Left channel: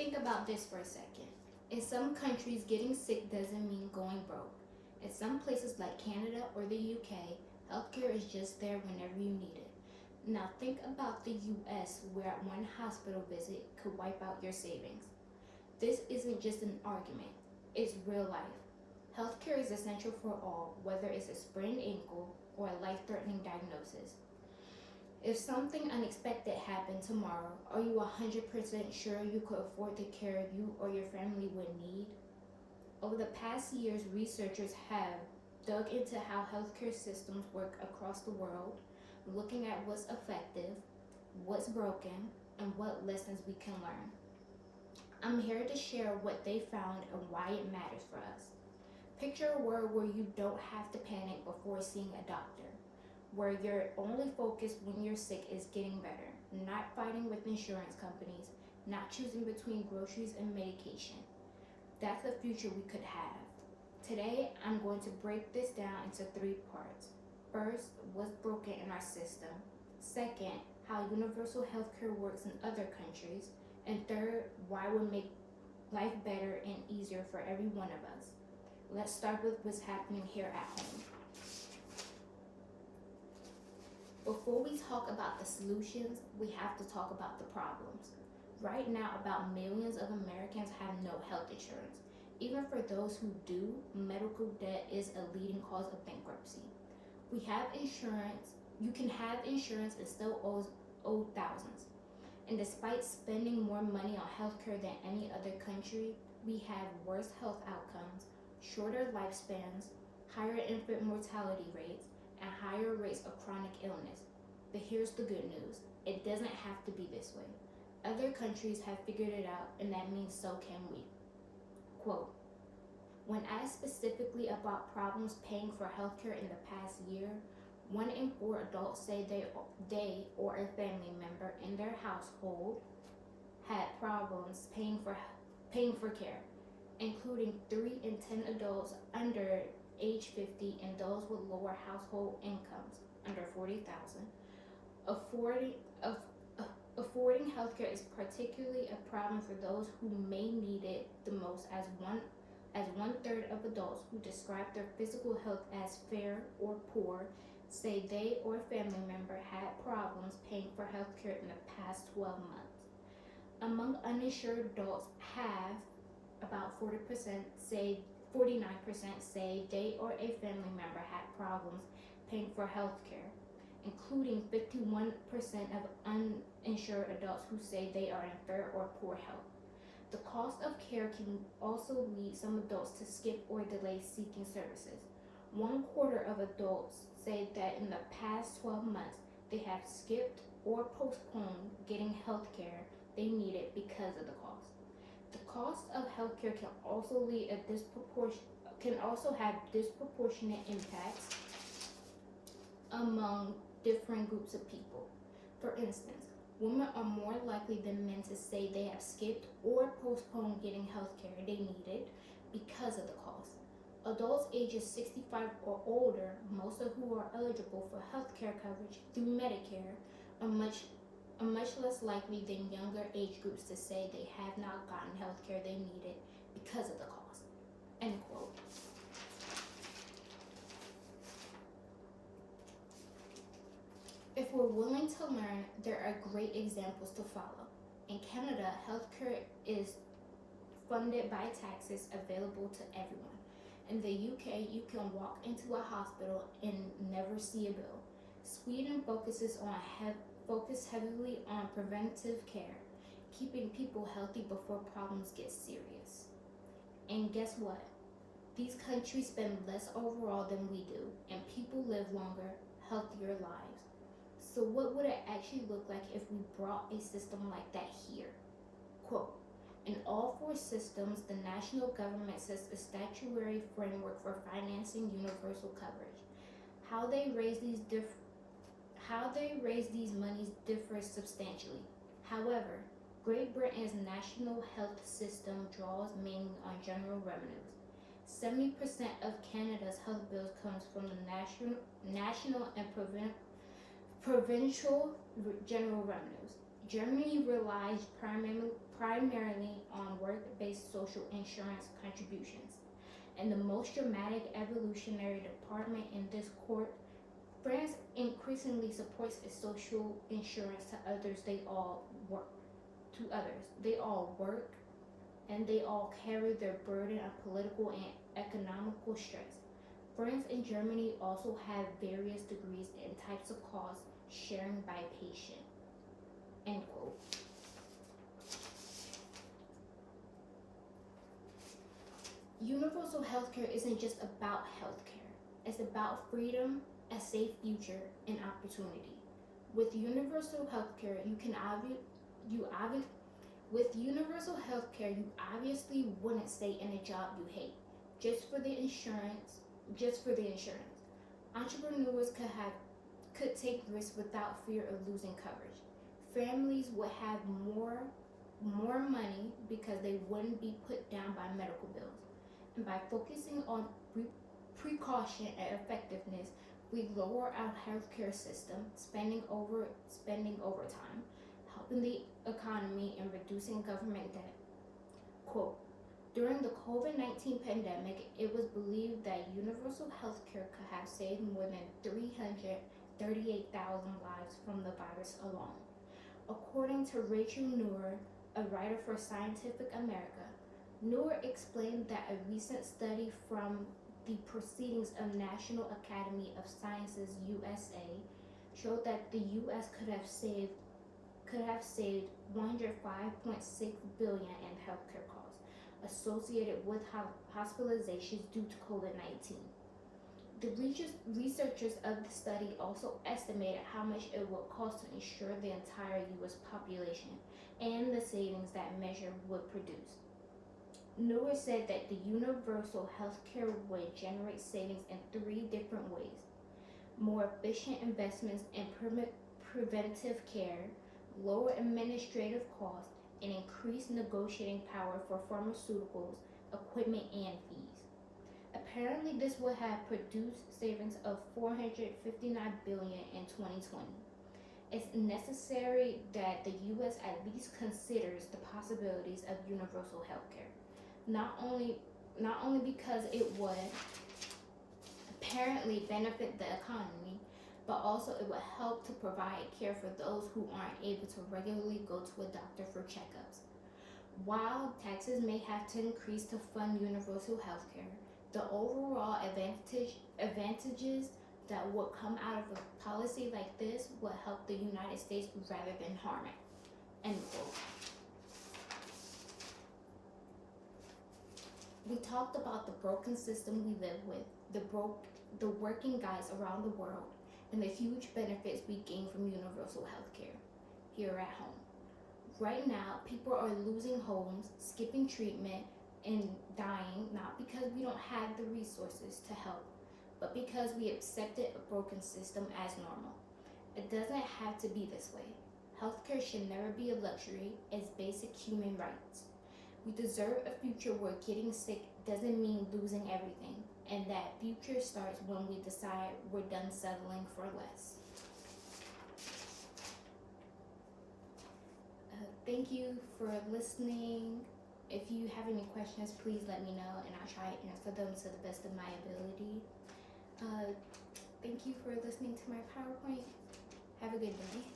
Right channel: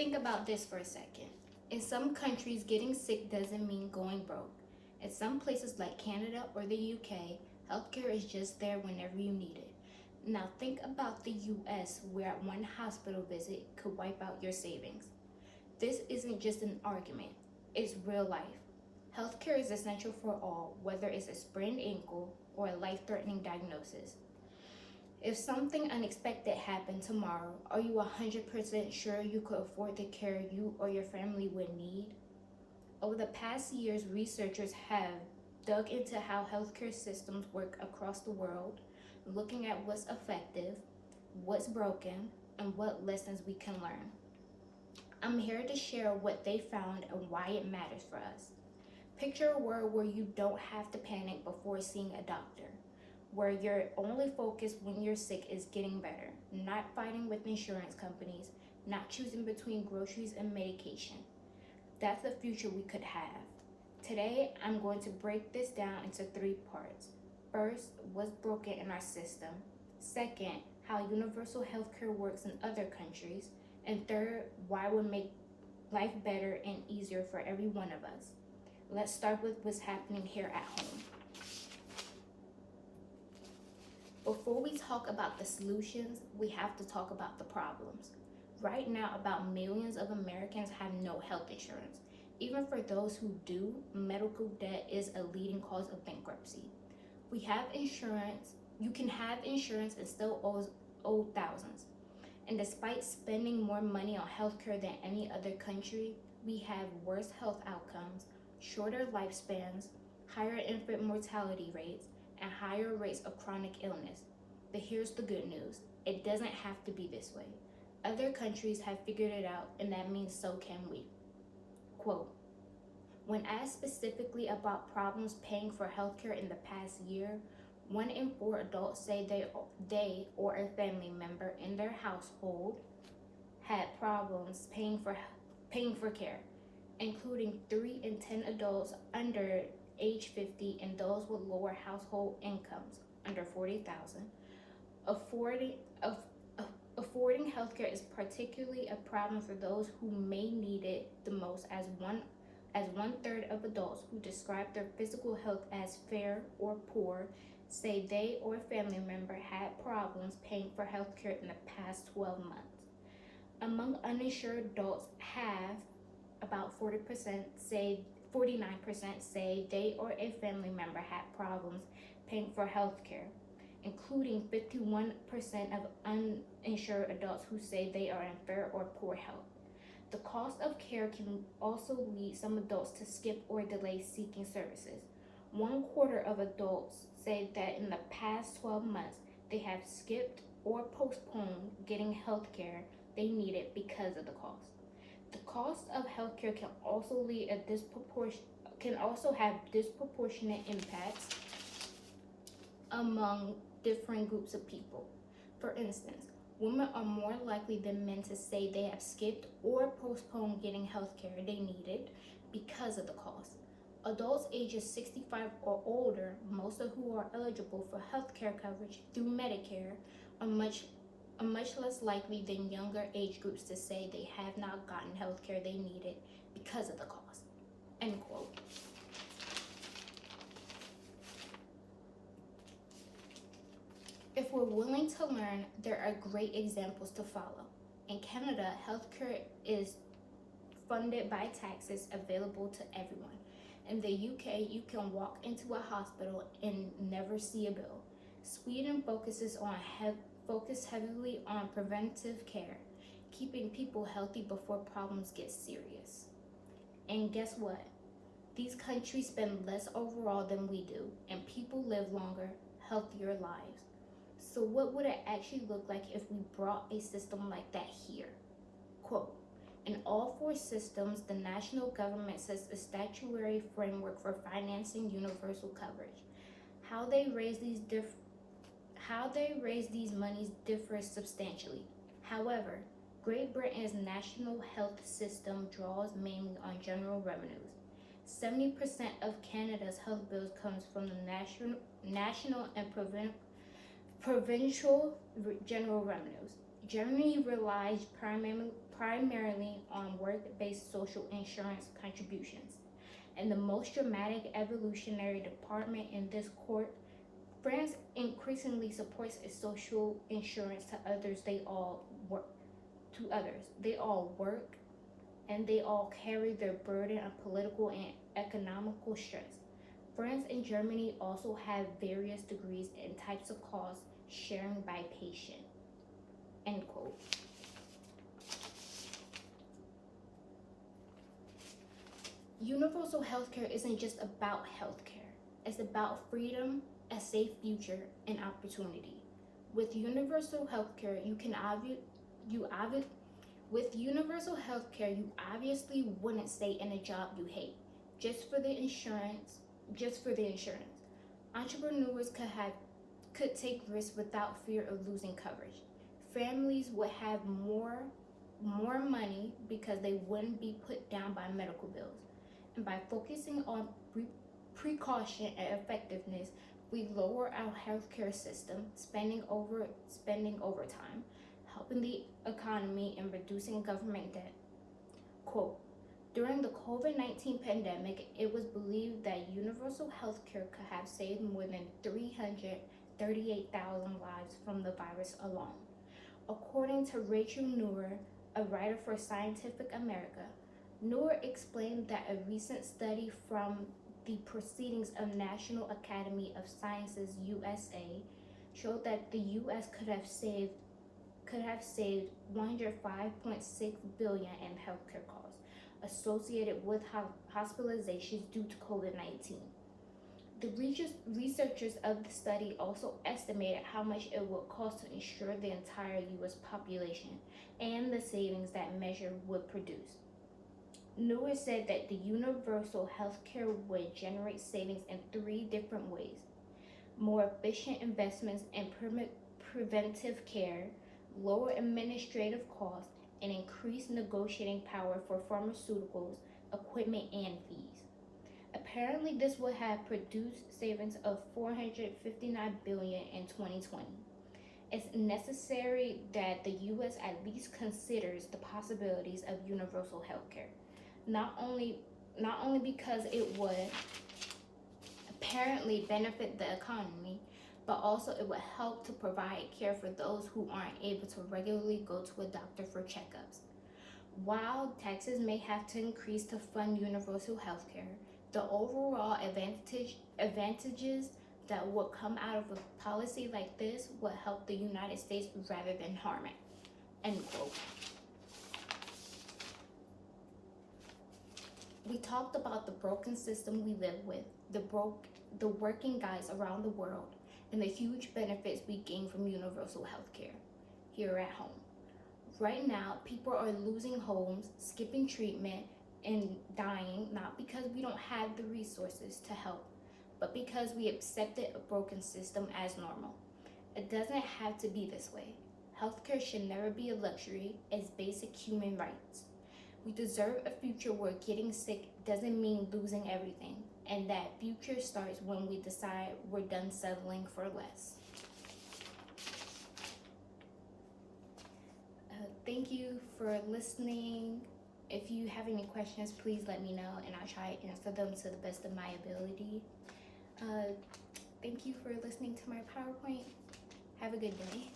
Think about this for a second. In some countries, getting sick doesn't mean going broke. In some places like Canada or the UK, healthcare is just there whenever you need it. Now think about the US, where one hospital visit could wipe out your savings. This isn't just an argument, it's real life. Healthcare is essential for all, whether it's a sprained ankle or a life-threatening diagnosis. If something unexpected happened tomorrow, are you 100% sure you could afford the care you or your family would need? Over the past years, researchers have dug into how healthcare systems work across the world, looking at what's effective, what's broken, and what lessons we can learn. I'm here to share what they found and why it matters for us. Picture a world where you don't have to panic before seeing a doctor, where your only focus when you're sick is getting better, not fighting with insurance companies, not choosing between groceries and medication. That's the future we could have. Today, I'm going to break this down into 3 parts. First, what's broken in our system. Second, how universal healthcare works in other countries. And third, why it would make life better and easier for every one of us. Let's start with what's happening here at home. Before we talk about the solutions, we have to talk about the problems. Right now, about millions of Americans have no health insurance. Even for those who do, medical debt is a leading cause of bankruptcy. We have insurance, you can have insurance and still owe thousands. And despite spending more money on healthcare than any other country, we have worse health outcomes, shorter lifespans, higher infant mortality rates, and higher rates of chronic illness. But here's the good news. It doesn't have to be this way. Other countries have figured it out, and that means so can we. Quote, when asked specifically about problems paying for healthcare in the past year, 1 in 4 adults say they or a family member in their household had problems paying for care, including 3 in 10 adults under age 50 and those with lower household incomes under $40,000. Affording healthcare is particularly a problem for those who may need it the most, as one third of adults who describe their physical health as fair or poor say they or a family member had problems paying for healthcare in the past 12 months. Among uninsured adults, about 49% say they or a family member had problems paying for healthcare, including 51% of uninsured adults who say they are in fair or poor health. The cost of care can also lead some adults to skip or delay seeking services. 1/4 of adults say that in the past 12 months, they have skipped or postponed getting health care they needed because of the cost. The cost of healthcare can also have disproportionate impacts among different groups of people. For instance, women are more likely than men to say they have skipped or postponed getting health care they needed because of the cost. Adults ages 65 or older, most of who are eligible for health care coverage through Medicare, are much less likely than younger age groups to say they have not gotten health care they needed because of the cost. End quote. If we're willing to learn, there are great examples to follow. In Canada, healthcare is funded by taxes available to everyone. In the UK, you can walk into a hospital and never see a bill. Sweden focuses heavily on preventive care, keeping people healthy before problems get serious. And guess what? These countries spend less overall than we do, and people live longer, healthier lives. So what would it actually look like if we brought a system like that here? Quote, in all 4 systems, the national government sets a statutory framework for financing universal coverage. How they raise these monies differs substantially. However, Great Britain's national health system draws mainly on general revenues. 70% of Canada's health bills comes from the national and provincial general revenues. Germany relies primarily on work-based social insurance contributions. In the most dramatic evolutionary department in this court, France increasingly supports its social insurance to others. They all work. They all work, and they all carry their burden of political and economical stress. France and Germany also have various degrees and types of cost sharing by patient. End quote. Universal healthcare isn't just about healthcare. It's about freedom, a safe future, and opportunity. With universal healthcare, you obviously wouldn't stay in a job you hate just for the insurance. Entrepreneurs could take risks without fear of losing coverage. Families would have more money because they wouldn't be put down by medical bills. And by focusing on precaution and effectiveness, we lower our healthcare system spending overtime, helping the economy and reducing government debt. Quote, during the COVID-19 pandemic, it was believed that universal healthcare could have saved more than 338,000 lives from the virus alone. According to Rachel Noor, a writer for Scientific America, Noor explained that a recent study from the Proceedings of National Academy of Sciences USA showed that the U.S. could have saved $105.6 billion in healthcare costs associated with hospitalizations due to COVID-19. The researchers of the study also estimated how much it would cost to insure the entire U.S. population and the savings that measure would produce. Noor said that the universal healthcare would generate savings in 3 different ways: more efficient investments in preventive care, lower administrative costs, and increased negotiating power for pharmaceuticals, equipment, and fees. Apparently, this would have produced savings of $459 billion in 2020. It's necessary that the U.S. at least considers the possibilities of universal healthcare. Not only because it would apparently benefit the economy, but also it would help to provide care for those who aren't able to regularly go to a doctor for checkups. While taxes may have to increase to fund universal healthcare, the overall advantages that would come out of a policy like this would help the United States rather than harm it. End quote. We talked about the broken system we live with, the working guys around the world, and the huge benefits we gain from universal healthcare here at home. Right now, people are losing homes, skipping treatment, and dying, not because we don't have the resources to help, but because we accepted a broken system as normal. It doesn't have to be this way. Healthcare should never be a luxury, it's basic human rights. We deserve a future where getting sick doesn't mean losing everything, and that future starts when we decide we're done settling for less. Thank you for listening. If you have any questions, please let me know, and I'll try to answer them to the best of my ability. Thank you for listening to my PowerPoint. Have a good day.